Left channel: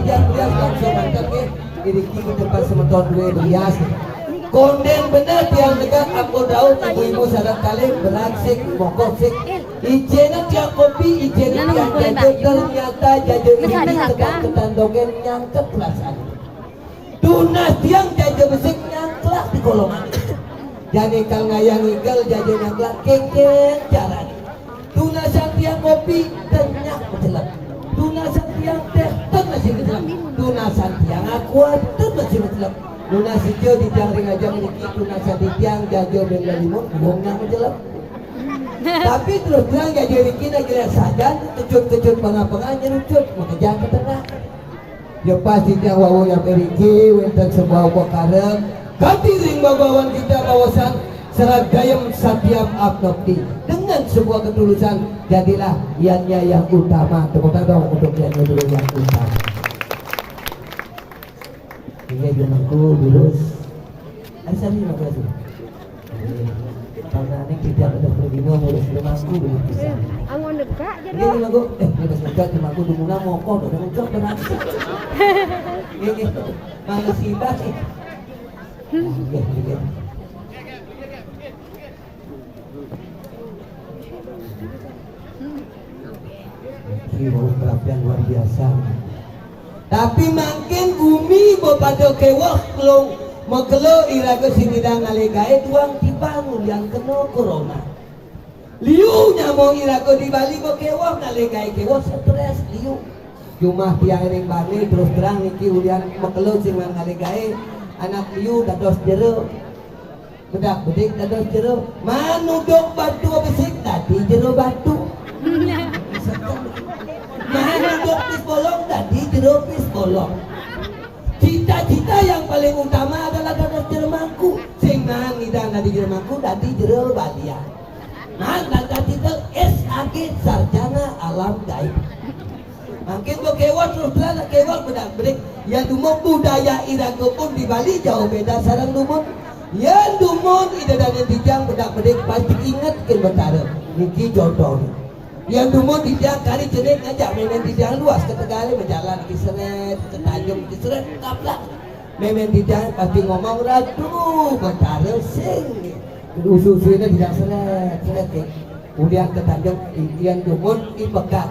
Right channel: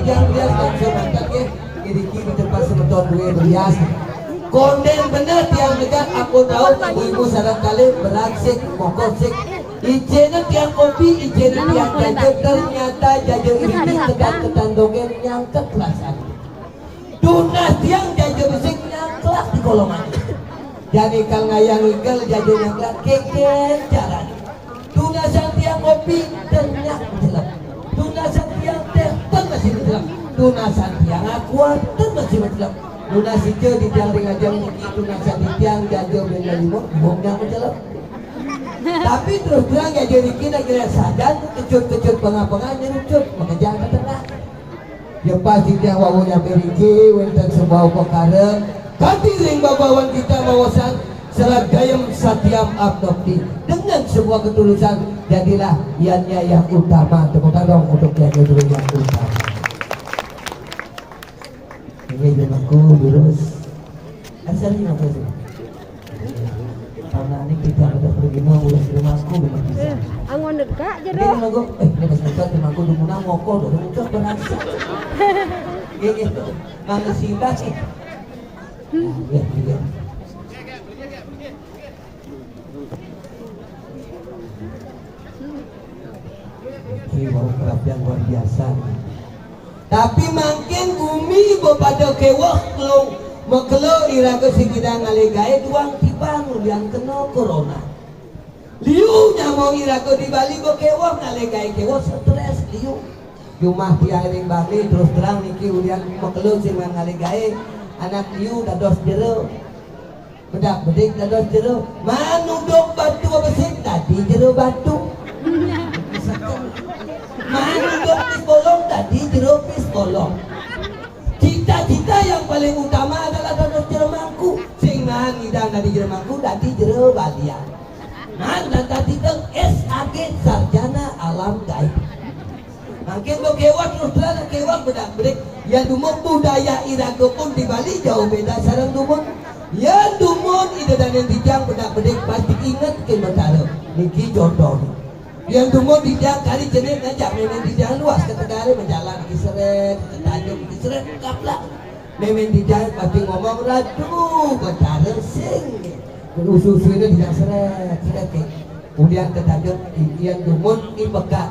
tiang-tiang langsung angkatnya ini kini tempat semeton gue bias konden bener tiang dekat aku tahu ibu-ibu syarat kali beraksik mokosik ijenan tiang kopi ijenan tiang jajan ternyata jajan ini ketan dogen nyangket perasaan tunas tiang jajan besik nyangklak di kolongan jadi kal ngayang igal jajan nyangklak keken caranya tunasan tiang kopi tenyak menjelak tunasan tiang teh masih menjelak tunasan tiang akuat masih menjelak tunasan tiang di tiang ring aja meniki tunasan di tiang jajan benda limo bongnya menjelak tapi terus bilang ya jadi kita kira saja kecut-kecut pengapang nyerucut mengejar ke tengah ya pasti tiang wawu yang beriki wenten sebuah perkara ganti ring babawan kita bawasan serat gayam satiam abnokti dengan sebuah ketulusan jadilah iannya yang utama tepuk tangan untuk yang utama ini jenengku virus asalnya apa sih karena ini kita ada pergino urus rumahku angon dekat je doh ini aku pas dekat rumahku di mana ngokok doh ngocok dan apa ini manusia sih perhatian luar biasa tapi makin bumi pada kewah kalau makelo iraga sinidang ngalegae tuang tibangun yang kena corona liu nyamong iraga di Bali kewah ngalegae kewah stres liu cuma tiaring Bali terus terang niki ulian makelo sing ngalegae anak liu dados jero bedak bedik dados jero manudok batu besik tadi jero batu manudok pis bolong tadi jero pis bolong cita-cita yang paling utama adalah dados jero mangku sing nahan ngidang dari jero mangku tadi jero balia nahan tadi itu SAG sarjana alam gaib makin kewah terus terang kewah bedak bedik ya dumong budaya irago pun di Bali jauh beda sarang dumong ya dumong ida dan yang dijang bedak bedik pasti ingat ke betara niki jodoh yang dumong dijang kali jenek ngajak memen dijang luas ke Tegari berjalan ke Seret ke Tanjung ke Seret kaplak memen dijang pasti ngomong ratu betara sing usus-ususnya dijang Seret kemudian ke Tanjung yang dumong ibeka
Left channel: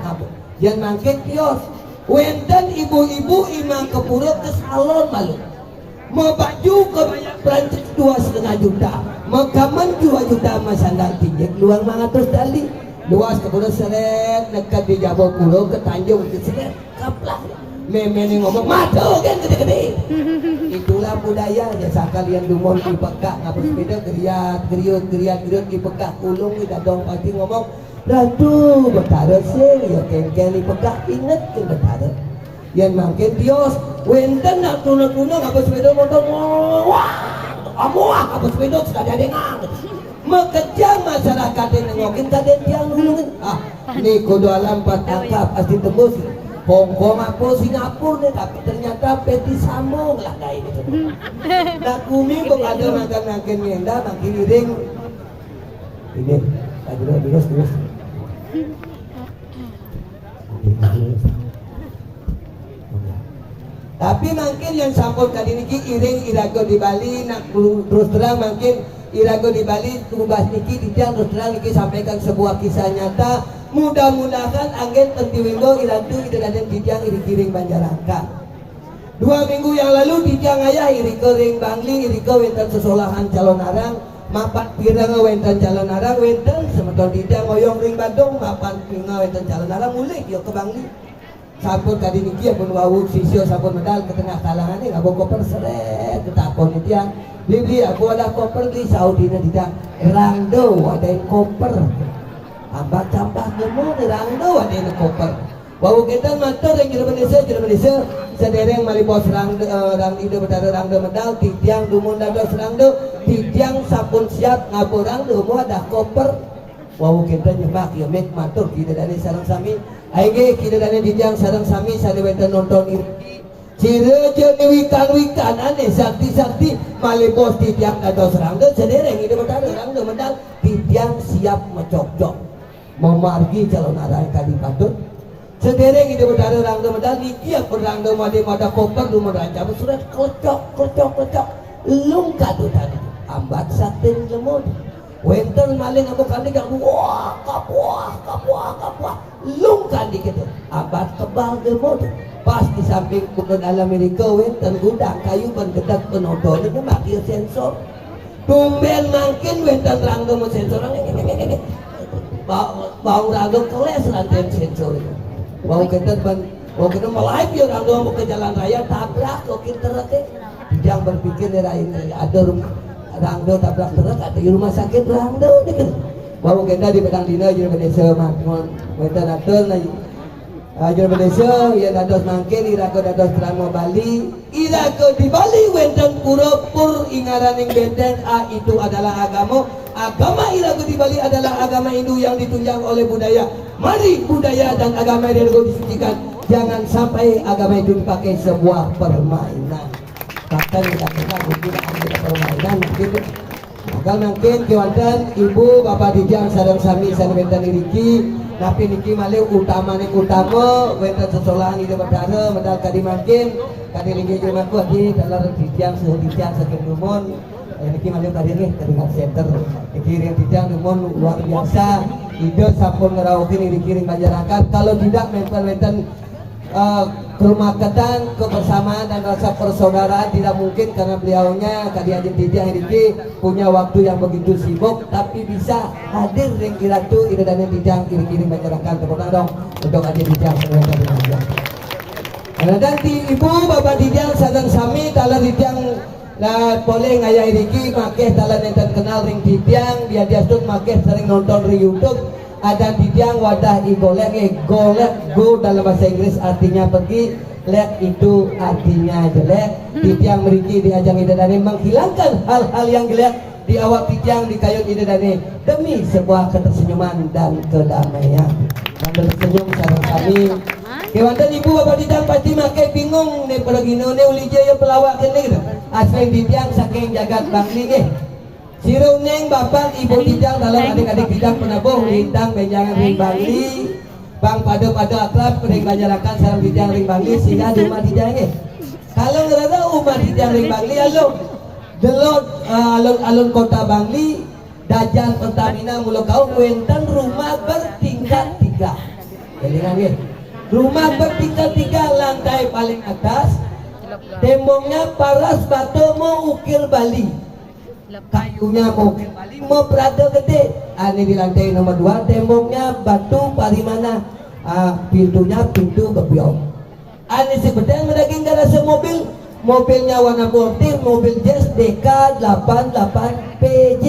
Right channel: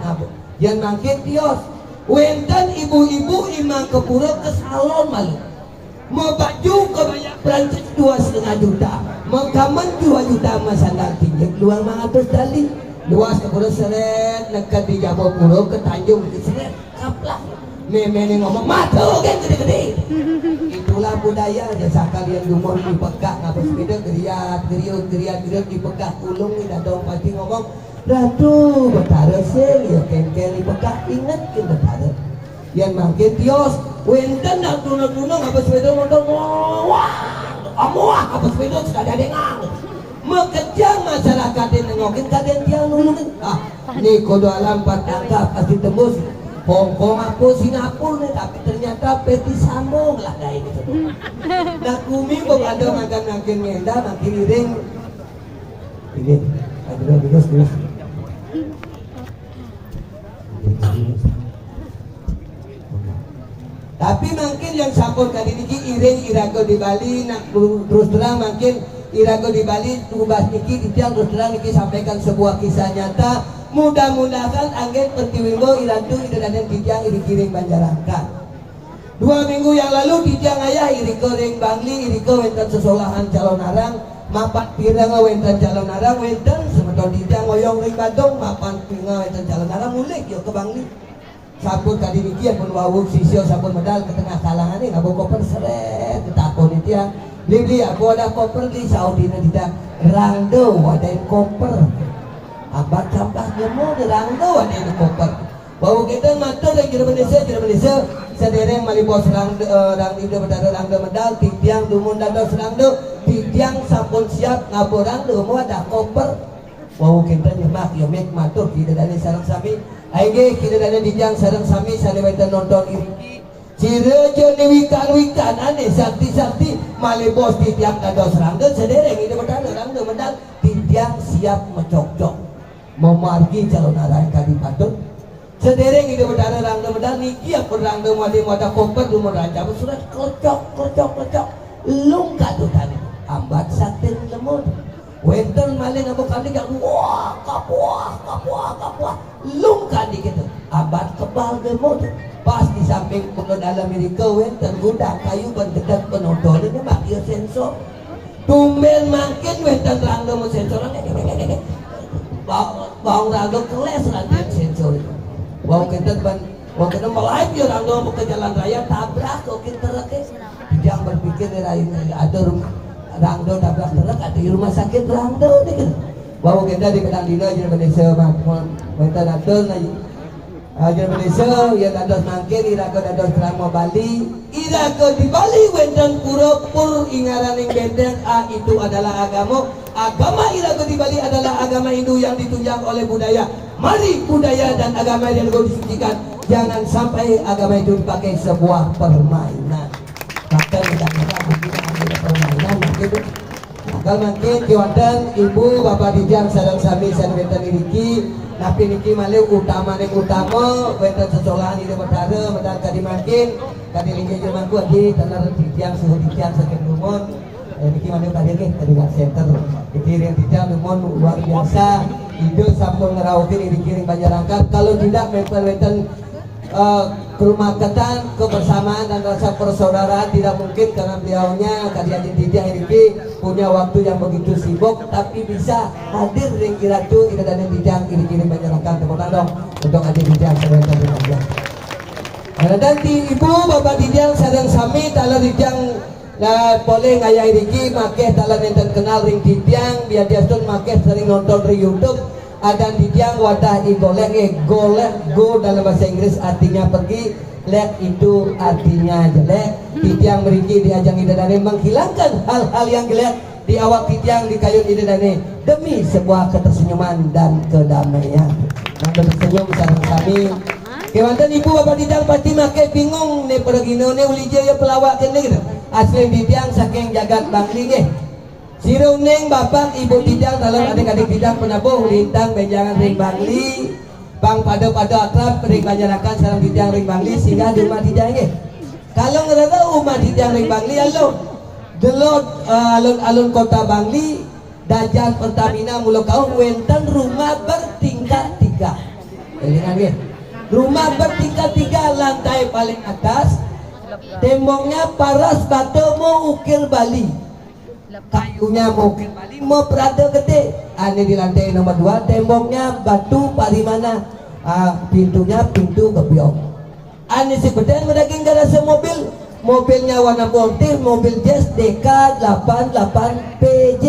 yang makin kios wenten ibu-ibu imang ke pura ke salon malu mau baju ke banyak Perancis 2,5 juta mau kaman 2 juta sama sandal tinggi keluar 500 dali luas ke pura Seret dekat di Jabo Pulau ke Tanjung ke Seret kaplak memene ngomong matu kan gede-gede itulah budaya jasa kalian dumong di pekak ngapus sepeda geriat di pekak kulung ini dong pasti ngomong ratu betara sing ya kengkel di pekak inget ke betara yang makin tios wenten nak tuna-tuna ngapus sepeda motor wah amuah ngapus sepeda sudah ada dengar mekejang masyarakat yang nengokin kaden yang ini kudu alam 4 kakak pasti tembus Hongkong apa Singapura nih tapi ternyata peti sambung lah kayak gitu. Nah kumi kok ada makan ngenda makin iring. Ini ada terus. Tapi makin yang sampun kali niki iring irago di Bali nak terus terang makin irago di Bali ubah niki dijang terus terang niki sampaikan sebuah kisah nyata. Mudah-mudahan angin tertiwimbo irantu idanadan dijang irikiring Banjarangka 2 minggu yang lalu dijang ayah iriko ring Bangli iriko wenten sesolahan calon arang mapan pirang wenten calon arang wenten semeton dijang oyong ring Bandung mapan pirang wenten calon arang mulik yuk ke Bangli sampun kadi niki pun wawuk sisyo sampun medal ke tengah kalangan ini ngabo koper seret ketakon itu yang beli aku ada koper di Saudi tidak rangdo ada koper abah tambah gemuk rangdo ada yang koper bau kita matur yang jero Malaysia sedereng malibos rangdo itu betara rangdo medal tiang dumun dados rangdo tiang sampun siap ngaborang dumu ada koper bau kita nyemak ya mek matur tidak dari sareng sami aige kita dari dijang sareng sami sadeweten nonton irki cire jeung wikan aneh sakti malibos tiang dados rangdo sedereng itu betara rangdo medal tiang siap mencocok memargi calon arah yang tadi patut Sedereng itu berada rangdo medal niki ya perangdo made koper lu meraja sudah kocok lung kadu tadi ambat saten lemon wenten maling aku kali gak wah kapuah lung kali gitu ambat kebal lemon pas di samping bukan alam Amerika wenten gudang kayu berdekat penonton itu makin sensor tumben makin wenten rangdo sensor bau rangdo keles latihan sensor itu mau kita melaju rangdo mau ke jalan raya tabrak kok kita lagi jangan berpikir ada rumah rangdo tabrak truk ada di rumah sakit rangdo dikit mau kita di pedang dina jadi desa makmur kita datang ajar desa ya dados mangkin ira ke dados drama Bali ira ke di Bali wenten pura-pur ingaran yang benteng itu adalah agama ira ke di Bali adalah agama Hindu yang ditunjang oleh budaya. Mari budaya dan agama yang disucikan. Jangan sampai agama itu dipakai sebuah permainan. Bahkan dikatakan mungkin ada permainan begitu. Kalau mungkin kiwantan ibu bapak dijang sadang sami sanwetan iriki napi niki malih utama wenten sesolahan di bedara medal kadi mungkin kadi linggi jumaku abi telar dijang suhu dijang sakit numon yang niki malih kadi nggih kedingat center dikirim dijang numon luar biasa hidup sampun ngerawutin dikirim masyarakat kalau tidak wenten kerumaketan, kebersamaan dan rasa persaudaraan tidak mungkin karena beliaunya kadi Ajin Dijang ini punya waktu yang begitu sibuk tapi bisa hadir ring kiratu ide dan Dijang kiri-kiri masyarakat tepuk tangan untuk Ajin Dijang sebagai Dijang. Nanti ibu bapak Dijang sadang sami tala Dijang boleh ngaya iriki make tala nenten kenal ring Dijang biar dia tuh make sering nonton di YouTube. Ada Dijang wadah golek go dalam bahasa Inggris artinya pergi lek itu artinya jelek Dijang meriki diajang idadane menghilangkan hal-hal yang jelek di awak Dijang di kayun idadane demi sebuah ketersenyuman dan kedamaian yang bersenyum sareng kami kewanten ibu bapak Dijang pasti make bingung nih pergino nih uli jaya pelawak kene gitu asli Dijang saking jagat bangli nggih Sirung neng bapak ibu Dijang dalam adik-adik Dijang penabuh lintang benjangan ring Bangli bang pada akrab ring masyarakat salam Dijang ring Bangli sehingga di rumah Dijang ini kalau ngerasa umat Dijang ring Bangli delot alun-alun kota Bangli dajan Pertamina mulu kau wenten rumah bertingkat 3 jadi rumah bertingkat 3 lantai paling atas temboknya paras batu mau ukir Bali kayunya mau Bali mau berada gede ini di lantai nomor 2 temboknya batu parimana pintunya pintu kebiok ini si gede mendaging garasi mobilnya warna putih mobil jazz DK88 PJ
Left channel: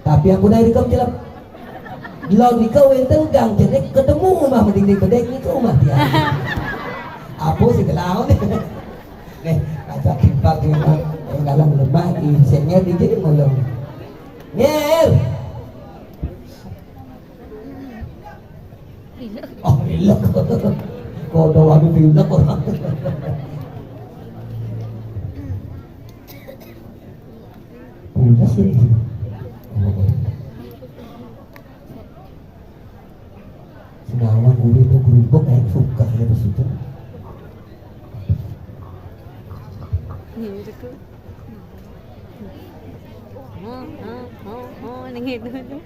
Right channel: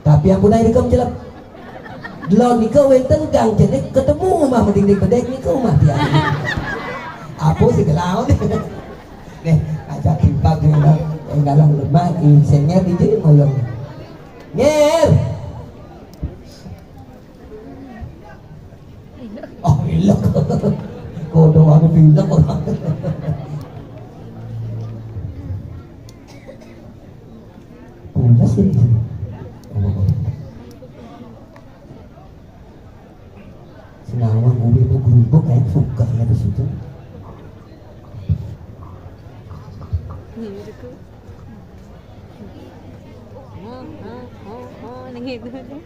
tapi yang punah ini kamu jelap lalu nikah wenten gang jadi ketemu rumah mending bedek nikah rumah dia apa sih kelau nih ajak impak yang dalam rumah insennya dijadi ngolong nyer oh ilok kodol lagi pindah orang punya sih senawang uli itu gerubuk kayak suka ya di situ nengit tu.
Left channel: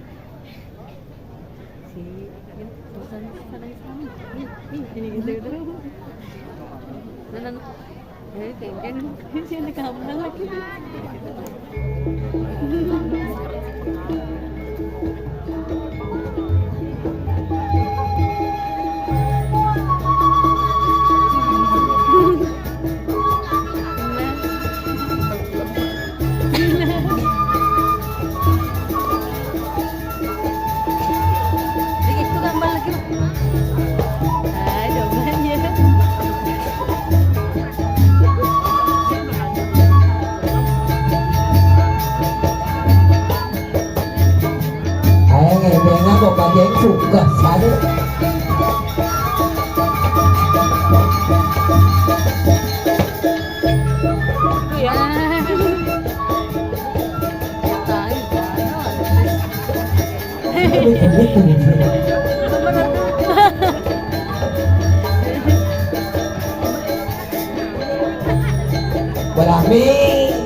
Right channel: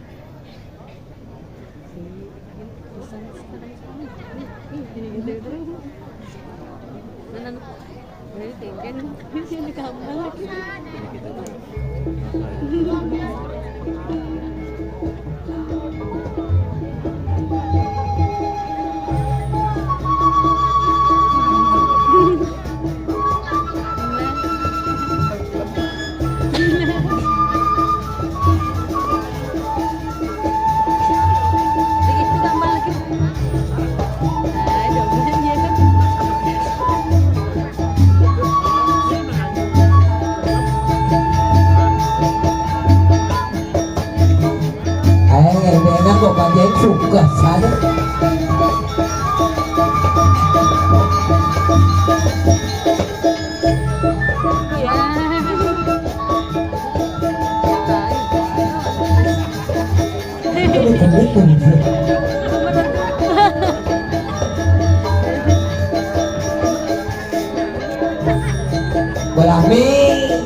Alamin.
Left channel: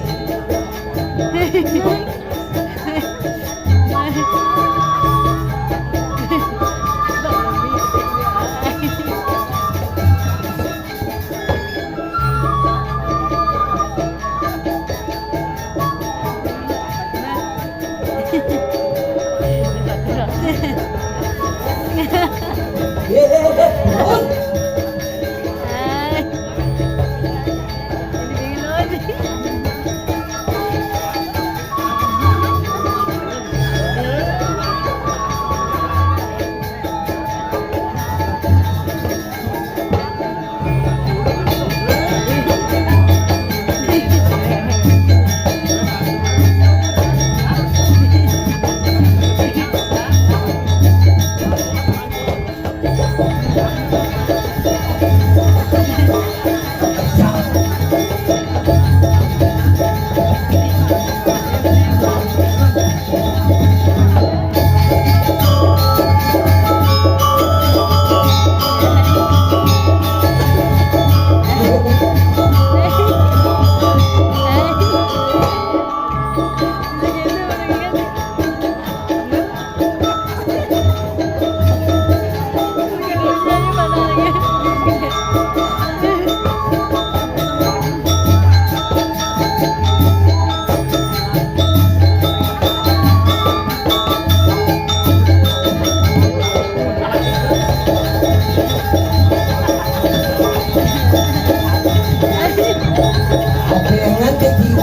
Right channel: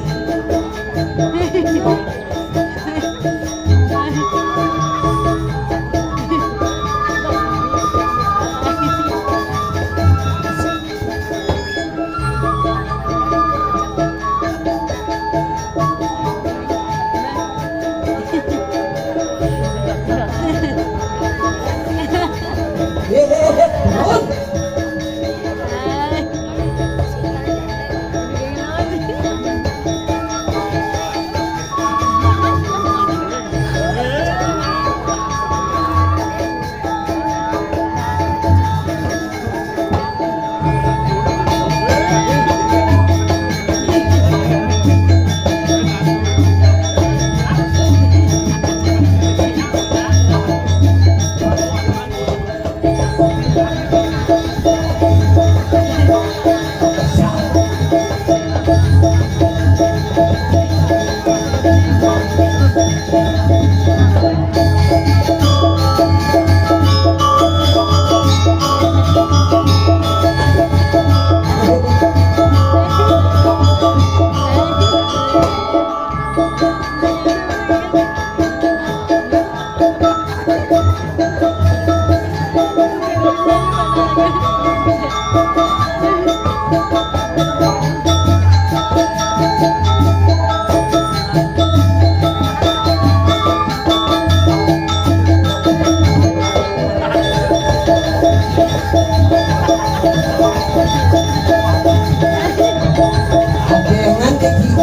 Ada yang ngantek gitu.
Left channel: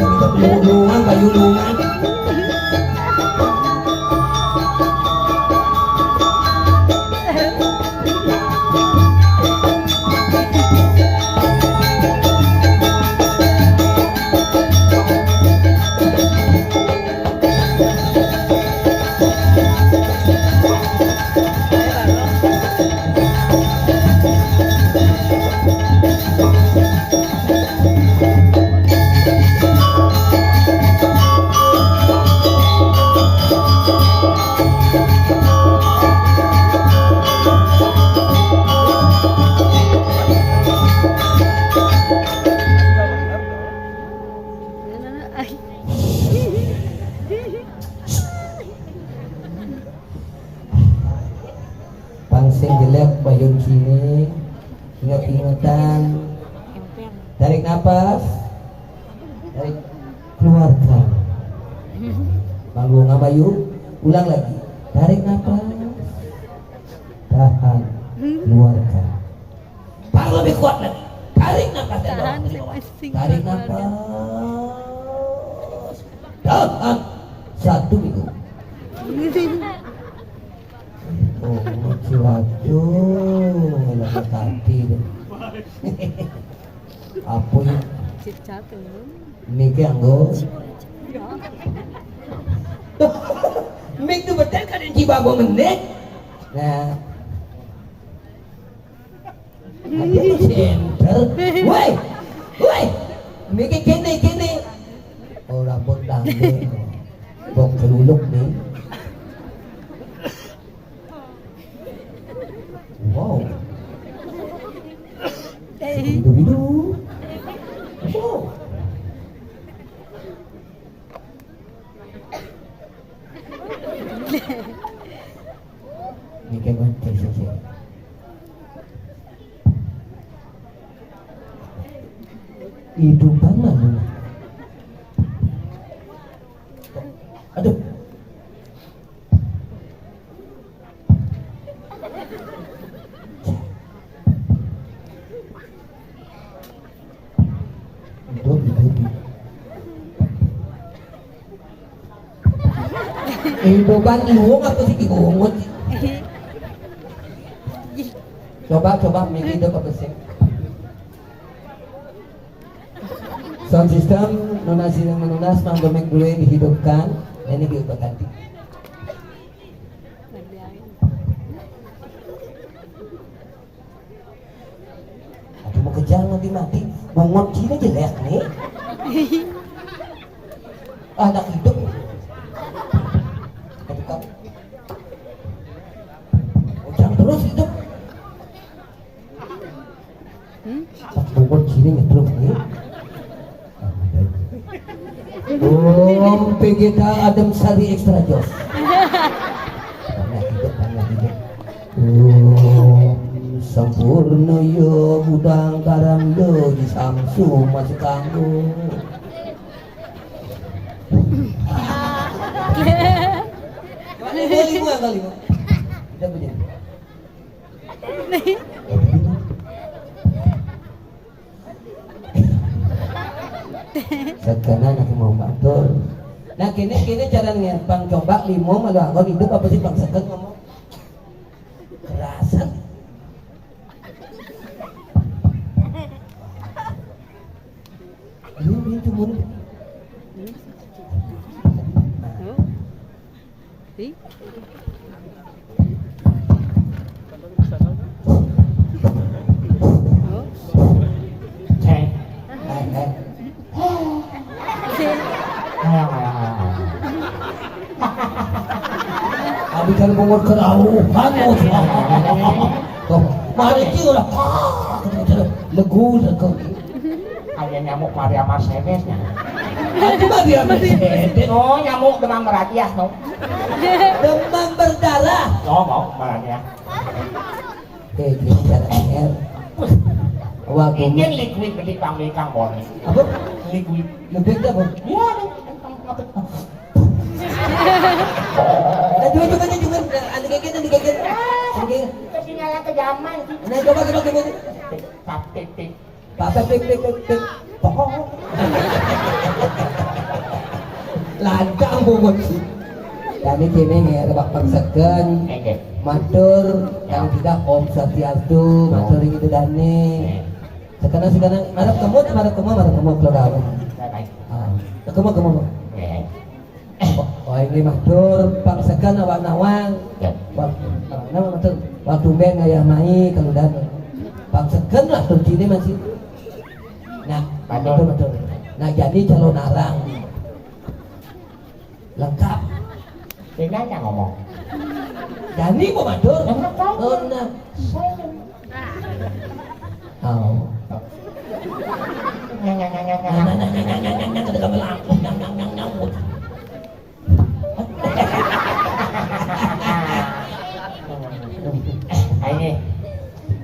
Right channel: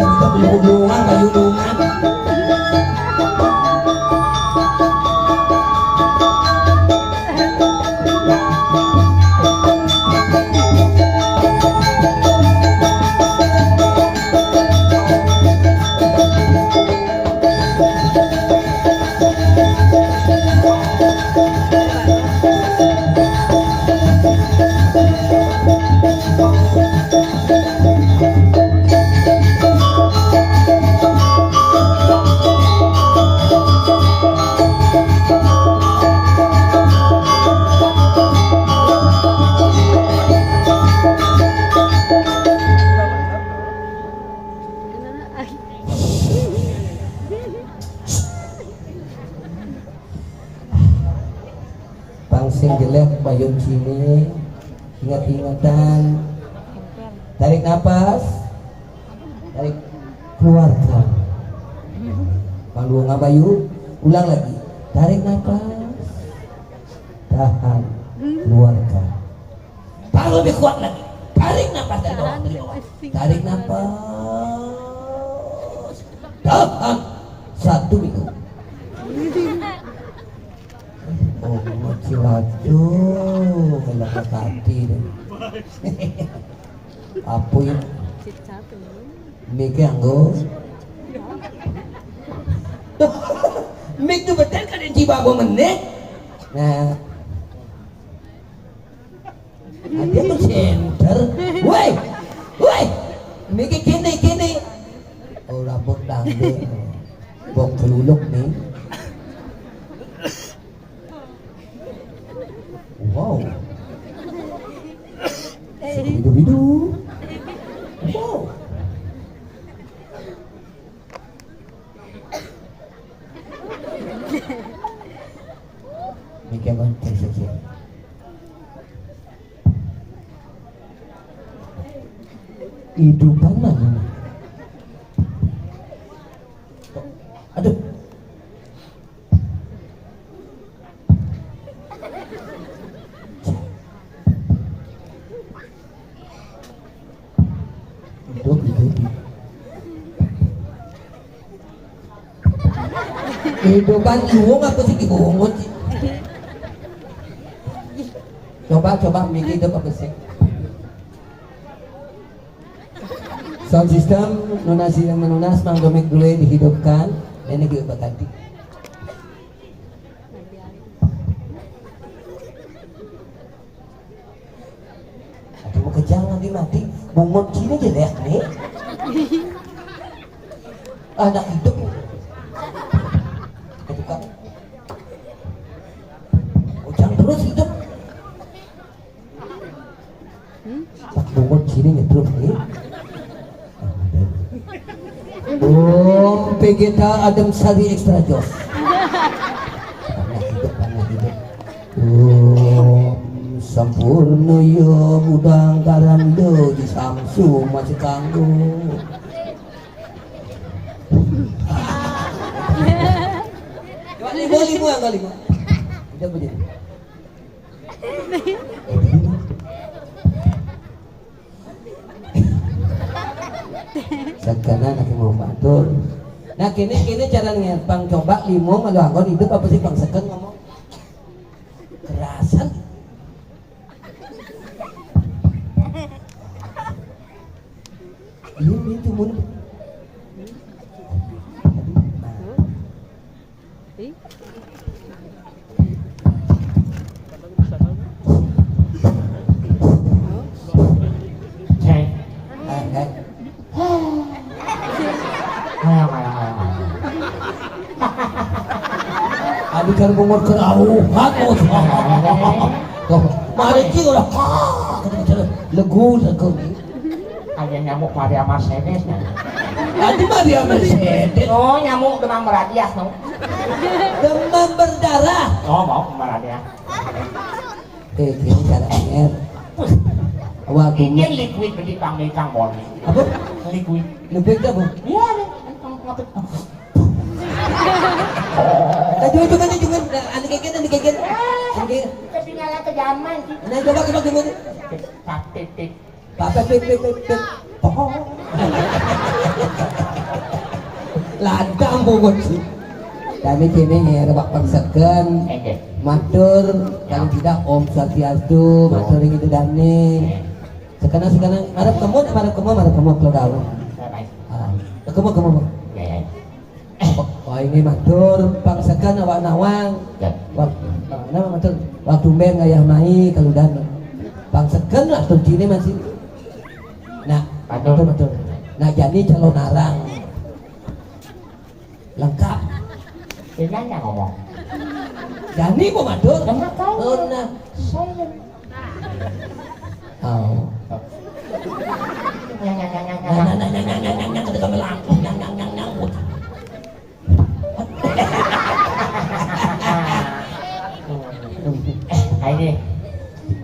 Kita belum kayu lungan. Pangsing jelek bayung sini, ingat-ingatan, tarik nafas, tarik keluarkan. Kalau nggak bayu, ulang lagi, tarik nafas, tahan, keluarkan. Paling lebih kuat lagi, tarik nafas dan keluar, tarik nafas, tahan, 1 minggu. Oh, masih waduh, kalau tadi dong. Apa yang Mik yang go? Mik tu betul kan yang jiwa go menit? Nah, ada tu center. Woi, woi, Mik kini. Oh, rambut tanggung, bong keluluk ni. Wow. Hidup. Oh. Mikir bantai saja. Hidup tangan. Aduh. Hidup kan iwong apa sih iwong? Coba mikir hidup apa sih? Sound system lunas yang melunas mangdomik dulu yang dihidupkan. Ini kita ganti. Aduh mau kejar nanti bungot sini jelek nih. Anak hidup. Ketika ujang terus hidup. Pak Bobot sini nyetrum nih. Vegeta Adem Sari Extra Jos. Sampurna ya budang karando di Samsung masih kanggo. Lima kali lima. Tidak begini. Sekarang nak mau matur. Nah kini cara niat bang coba limo kalau aku hidup apa sih bang seken ngomong kerasan. Ini cuma Abi kan bunga kerauhan mari ki udah legu Ada nyamuk Maria Mercedes nya. Adi Maria Mercedes Oh, nyamuk demam berhadiah dong. demam berdarah. Oh, mau berhadiah. Gini caranya waktu Ini liquid berarti kami kambon. apa Liquid. lebih apa Iya, jangan ada kaget Kasih nyala ke zaman. nah coba gimana Titik. Papa pik lantang bungut sih kami kini ya kebak pangsakan Oke. matur yang tidak Om Swastiastu matur yang itu dani sekarang marah kamu keluar kamu oh ini matur pangsakan awak nawang nama matur waktu ben ayah mai kalau dan pangsakan lah tuh sini masih nah betul nah jadi calon arang lengkap Tinggal yang ngomong. jadi mau matur Enak kan? oh nah Saya. oh Nyang. ketika melangkung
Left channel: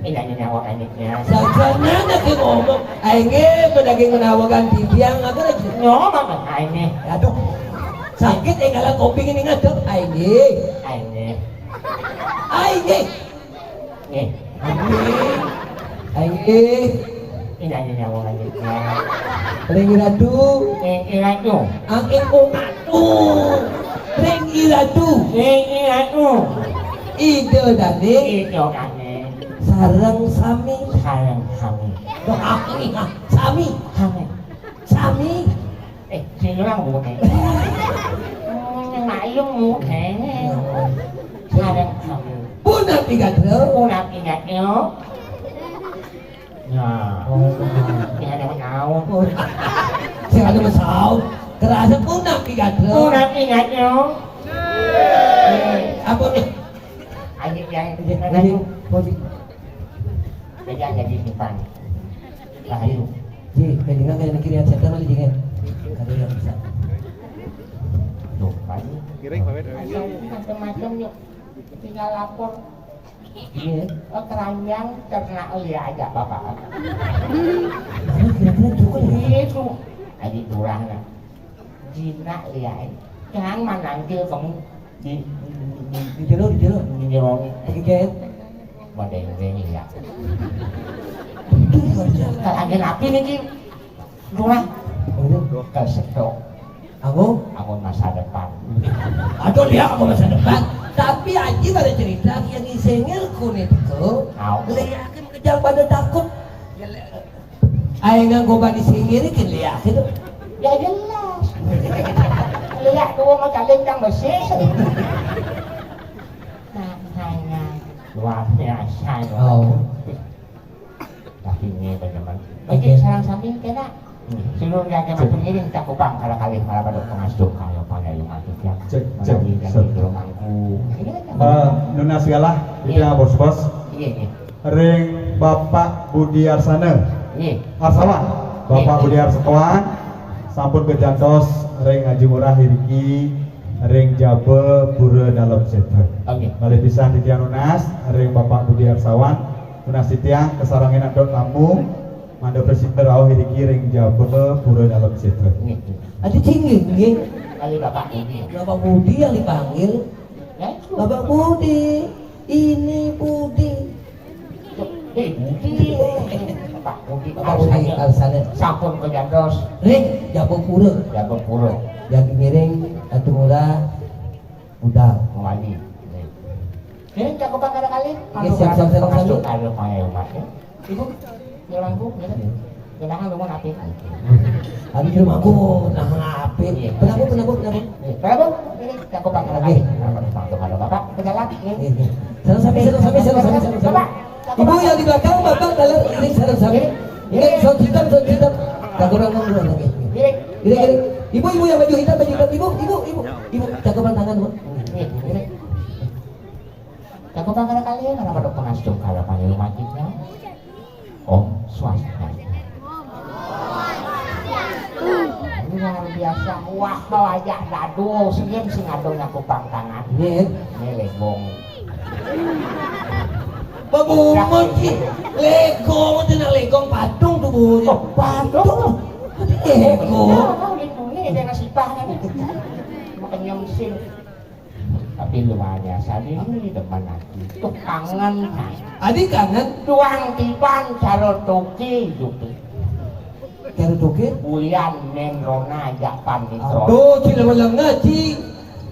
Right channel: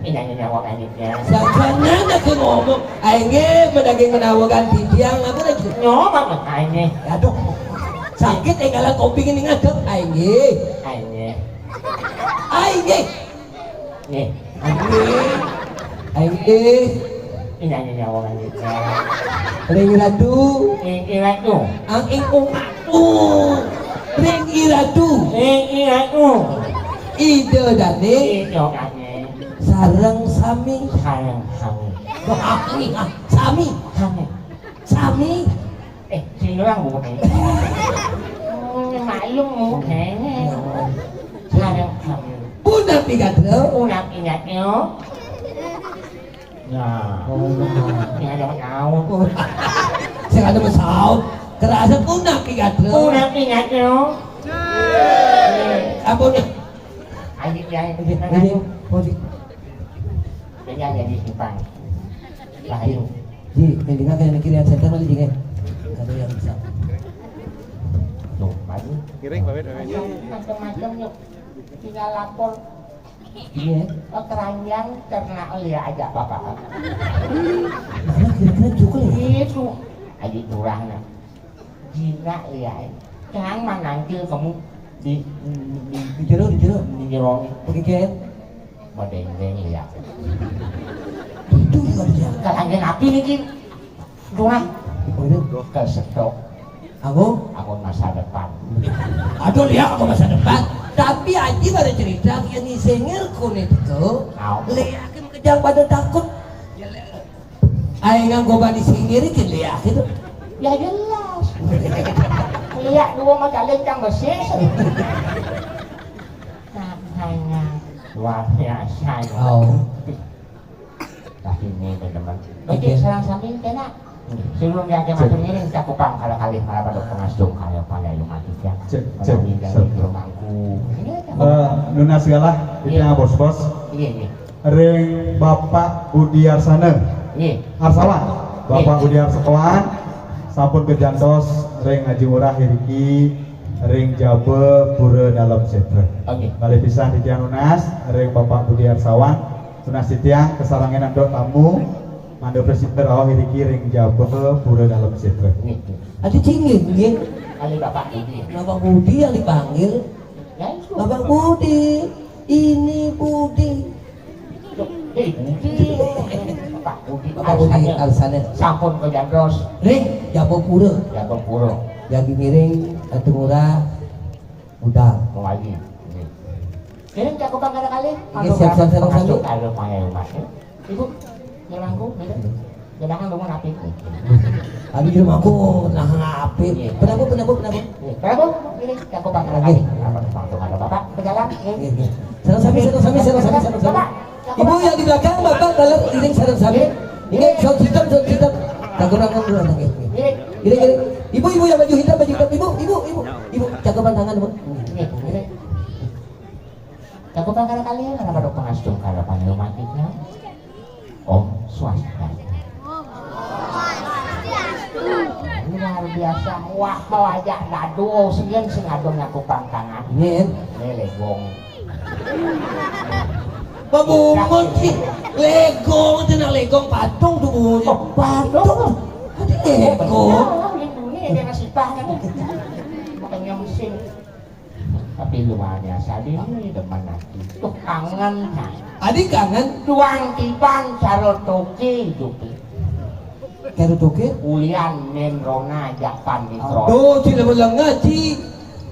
Ini nyawa anjingnya. sakana nak ngomong aing menaging menawakan tiang apa lagi Nyawa banget ini. aduh sakit kalau kopi ini ngadep aing Ini. Nih. aing Ini nyawa anjingnya. ring radu Ini aku. ang ingkung atu ring iradu Aku. ide dani Itu kaki. sarang sami Sayang kami. bakni sami Kami. Silang mungkin. Ngayung mungkin. Sayang kami. punang tiga dro Pulang ingatnya. Nah. Yang ada kau. saya ada masalah terasa punang tiga dro Pulang ingatnya. apa nih Anjing yang jadi posisi Beda jadi simpan. Rahayu. ji dengan kayak kiri setan lagi jeng kalau yang besar Bukan. Kira kawin Macam-macam yuk. Tinggal lapor. iya Keranjang ternak liar aja bapak. kira-kira juga ya Itu. Adik turang lah. Jinak liar. Jangan manangkil kamu di di jero jerong. pakai jet Badai liar. itu juga bisa Keranjang api nih Ji. Dua. oh Kesedok. Aku masa depan. aduh lihat aku masa depan tapi Aji pada cerita yang disengir kulit itu lihat kejang pada takut aing nganggo bani singiri kan lihat itu Ya jelas. Lihat dulu macam lintang bersih. Katanya luar biasa. oh Tapi ini benar-benar. Oke, serang samping kena. Silung yang kemarin ini cakupan kali-kali pada pengasduk kayak pada yang mati ya. Cek. Ini Nuna segala kita bos-bos. Iya. Ring Bapak Budi Arsana. Iya. Arsana. Bapak Budi Arsana. Sampun kejantos ring Ngaji Murah Hiriki. Ring Jabe Pura Dalam Setra. Oke. Balik pisah di tiang Nunas. Ring Bapak Budi Arsawan. Nunas di tiang kesarangan andol tamu. Anda presiden rawang Hiriki ring Jabe Pura Dalam Setra. Ada cingging, Kali Bapak Budi. Bapak Budi yang dipanggil. Ya, Bapak Budi, ini Budi. Budi. Pak Budi. Bapak Budi Arsana. Sampun kejantos. Ring Jago Pura. Jago puro. Yang digiring Atu Murah. Udah. Mulai. Ini cakupan kali-kali. Oke, siap-siap Masuk kalau payah umat. Itu jalanku, jangan bangun api. Abi di rumahku nah HP. Penabuk. Berapa? Ini cakupan kali-kali. Kalau Bapak berjalan. Sarung sapi. Ibu yang di belakang bapak dalam iring sarung sapi. Ingat sarung hitam. Tagunan lagi. Iring. Ibu yang baju hitam. Ibu cakupan tangan bu. Cakupan kali-kali karena pada pengasduk kalau kali umat kita. Om swasta. Luar biasa, wah aja ngadu, sekian sing ngadu ngaku pangkangan. Iya. Ini legong. Babungon sih. Legong tenang legong patung tuh. Patung. Legong. Ini dia masih pahnya nih. Bukannya mesin. Tapi luar biasa ini depan aku. Tuh kangen. Adik kangen. Tuang tiban caro toke gitu. Karo toke. Ulian nendrona japan di kro. Aduh, cila melengah ci.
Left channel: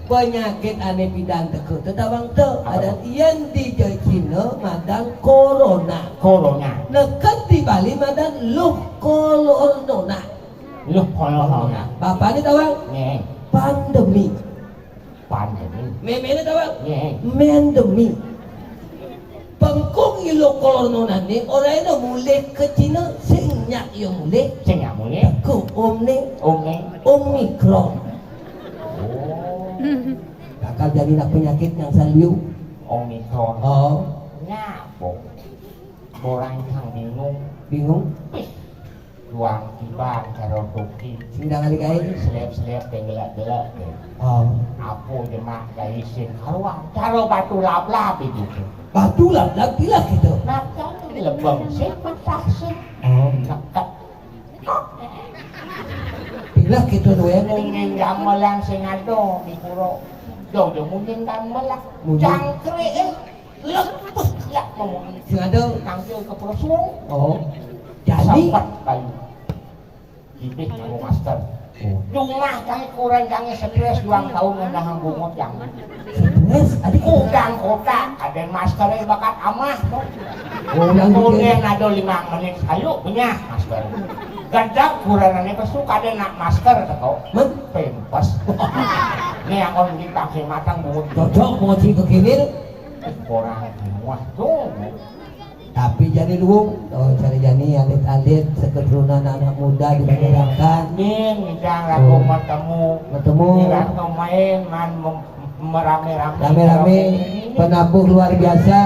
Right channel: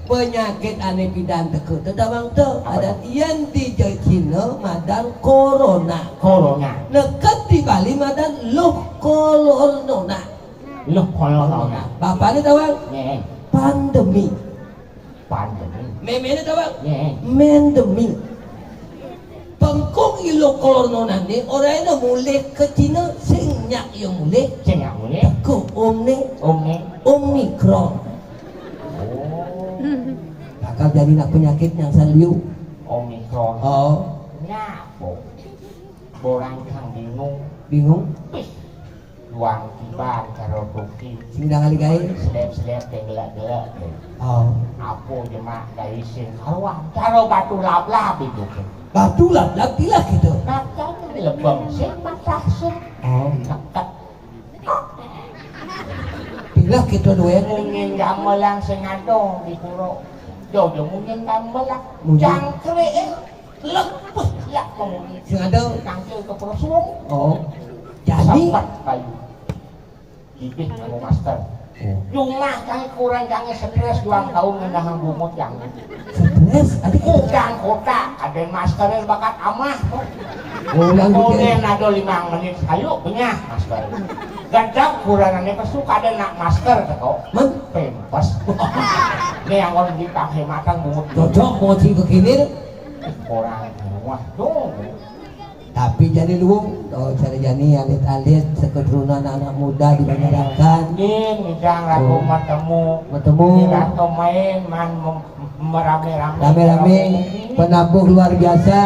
Penyakit aneh bidan teke tetawang teu ada ian di Cina madan corona. Corona. Nekat di Bali madan luh corona. Lu corona. Bapak ni tawang Nih, pandemi. pandemi. Meme ni tawang Nih, mendemi. Pangkong ilo corona ni orang itu mulai ke Cina senyak yang mulai cenyak mulai. ke Ome. Omikron. Bakal jadi nak penyakit yang saliu. Omikron. Oh, Nyapok. Borang kang bingung. Luang tiba caro toke. Sindang kali kai. Sedep-sedep gelak-gelak. Oh, Apo jemaah dari sin kawan. Caro batu lap-lap itu. batu lap gila gitu. Nakal di lembang sih, patah sih. Oh, Nekat. gila gitu doang. Mungkin gamelang sing ado di puro. Jojo mungkin gamelang. Mungkin. Cangkrik lepuh lah mungkin. Sing ada. Ambil ke perusung. Oh, jadi. Sampai kayu. Bibit kamu master. Cuma kali kurang jangan stres ulang tahun ngendang bumut yang. Stres, adik. Udang kota ada maskernya bakat amah. Oh, yang Kemudian bikin. ada 5 menit ayo punya masker. Gandak kurangannya kesuka ada nak masker kau. Men, Pentas. Ini yang kau dipakai makan bumut. cocok mau sih ke kini. Kurang. Waduh. Tapi jadi dulu, oh cara jani alit-alit seketurunan anak muda di masyarakat. Ini ngidang lagu matemu. Bertemu Atau main merame-rame. rame-rame penabuh luar biasa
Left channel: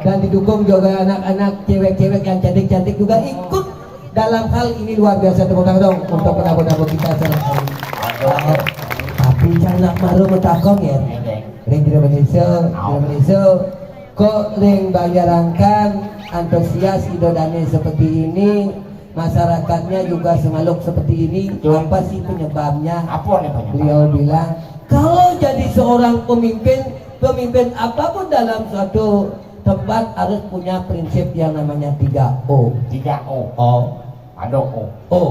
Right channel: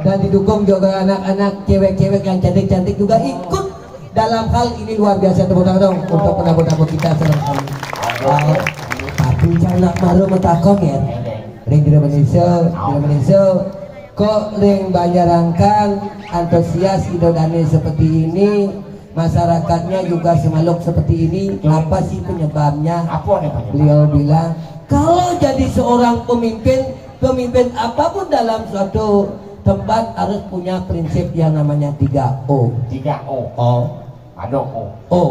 dan didukung juga anak-anak cewek-cewek yang cantik-cantik juga ikut dalam hal ini luar biasa. Tepuk tangan dong untuk penabuh-penabuh kita sering hari. Tapi jangan baru metakong ya. Ring Indonesia kok ring banjarangkan antusias idodane seperti ini, masyarakatnya juga semaluk seperti ini. Apa sih penyebabnya? Apa nih penyebab? Beliau bilang kalau jadi seorang pemimpin apapun dalam suatu tempat harus punya prinsip yang namanya 3O. 3O. Ada O. O.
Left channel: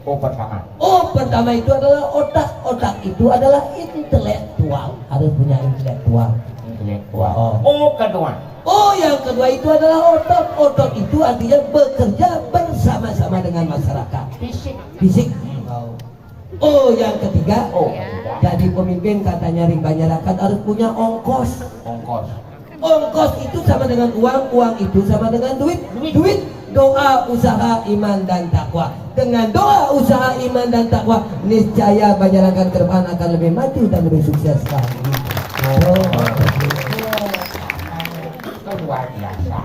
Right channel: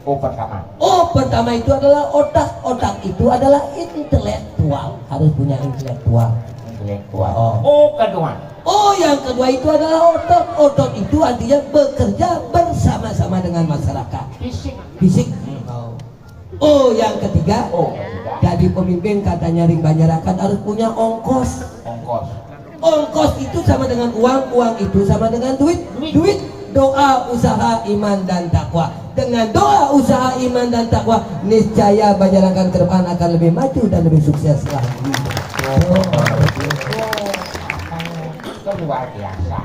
O pertama. O pertama itu adalah otak. Otak itu adalah intelektual. Harus punya intelektual. Intelektual. Oh. O kedua. Oh, yang kedua itu adalah otot. Otot itu artinya bekerja bersama-sama dengan masyarakat. Fisik. Oh, yang ketiga. O. Jadi pemimpin katanya ring banjarangkan harus punya ongkos. Ongkos. Ongkos itu sama dengan uang, uang itu sama dengan duit. Duit, doa, usaha, iman dan takwa. dengan doa, usaha, iman dan takwa, niscaya Bajarakan ke depan akan lebih maju dan lebih sukses lagi. Itu luar biasa.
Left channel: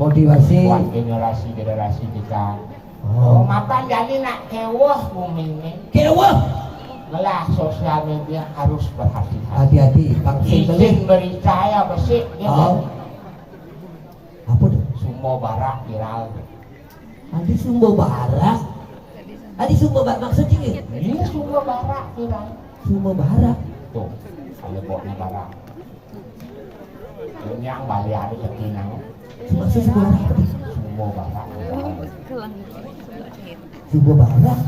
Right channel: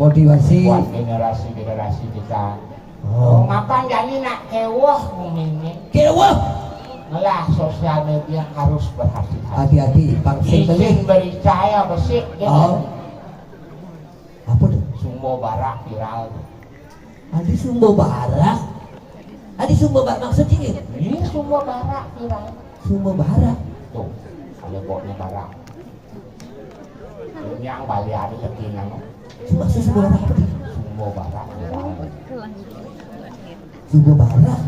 Motivasi. Buat generasi kita. Oh. Makan jadi nak kewah bumi Kewah. Gelah sosial media harus berhati-hati. Hati-hati, vaksin kali. Izin bericaya besik. Oh. Apa tuh? Sumbo barak viral. Adi Sumbo Barat. Adi Sumbo Barat maksudnya ini? Ini sumbo barak viral. Sumbo Barat. Tuh, kalau bawa negara. Yang balik ada ketingan. Maksud Sumbo Barat. Sumbo barak viral. Sumbo Barat.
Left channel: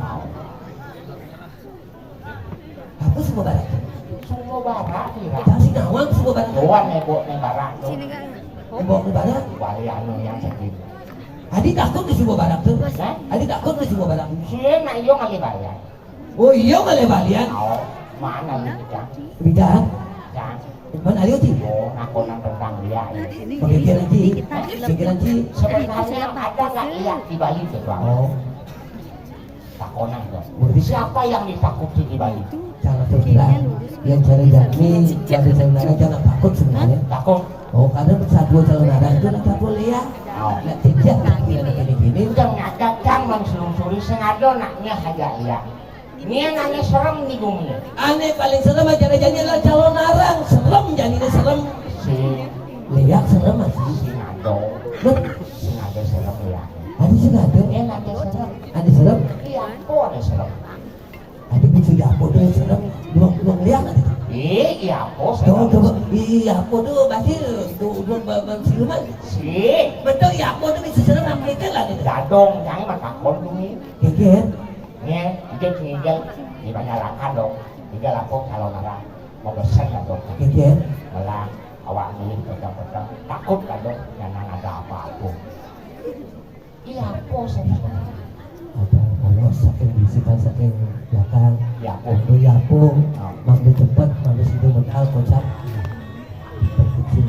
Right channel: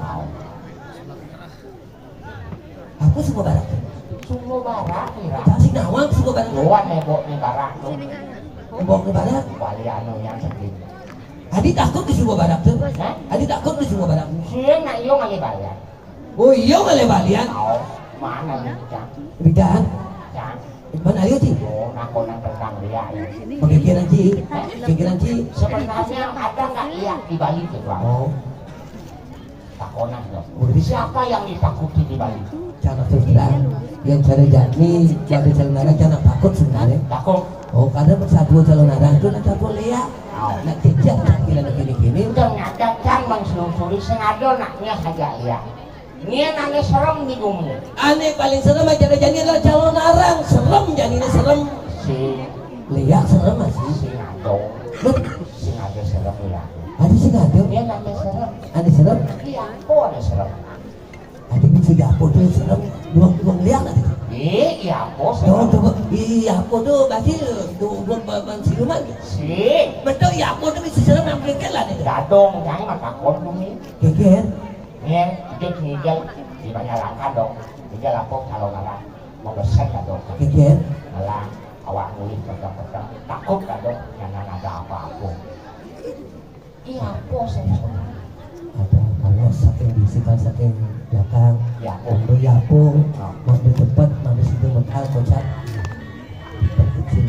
Apa Sumbo Barat? Sumbo barak viral. Jangan sih nawang Sumbo Barat. Bukan nebok negara tuh. Nebok ke Barat. Balik anu yang sedih. Adi takut di Sumbo Barat tuh. Adi takut di Sumbo Barat. Sih nak yo kali bayar. Oh iya kali balian. Oh, mana ni kita? Bidan. Cak. Mana dia sih? Oh, aku nak tentang dia. Pemikiran Ci. Pikiran Ci. Sebenarnya ada tak lihat di Bali tu bang? Oh. Takonan tu. Berarti Siapa yang ditakuti di Bali? jangan saudara yang cari jami, cari saudara jangan takut sebenarnya. Takut. Oh karena satu calon ada itu nanti aku lihat. Nak tidak nak kira gini-gini. Udah ngadakan mensurusuri sengaja naknya saja lihat. Ini nanya serem di bumi. Aneh paling serem aja jadi adalah calon arang serem jadinya serem. Si Lihat serem masih. Sinado. Loh, Sinado serem ya. ada sih nggak ada. Dia nanya serem. Ada serem. Iya, kok ada serem? Ada bisa japo tuh serem. Belum lihat nanti. Iya, kok Tuh serem? tuh iya aku tuh masih tuh belum bang siluman. Si Betul ya aku tuh bisa serem ambilkan lah nih. Dadong kan mah takut bumi. Keker. Nih, itu ngigel di masyarakat dong. Ngigel lapor kalau marah mau bersih dong. Keker. Malah awak nulis pegang-pegang takut dong jangan ada apa-apa. Iya, kok serem? Apa kalau saking bisikan saking belakang. Iya, Kalau ya aku, mau di tempat, mau di situ modal kocak. Perkecil.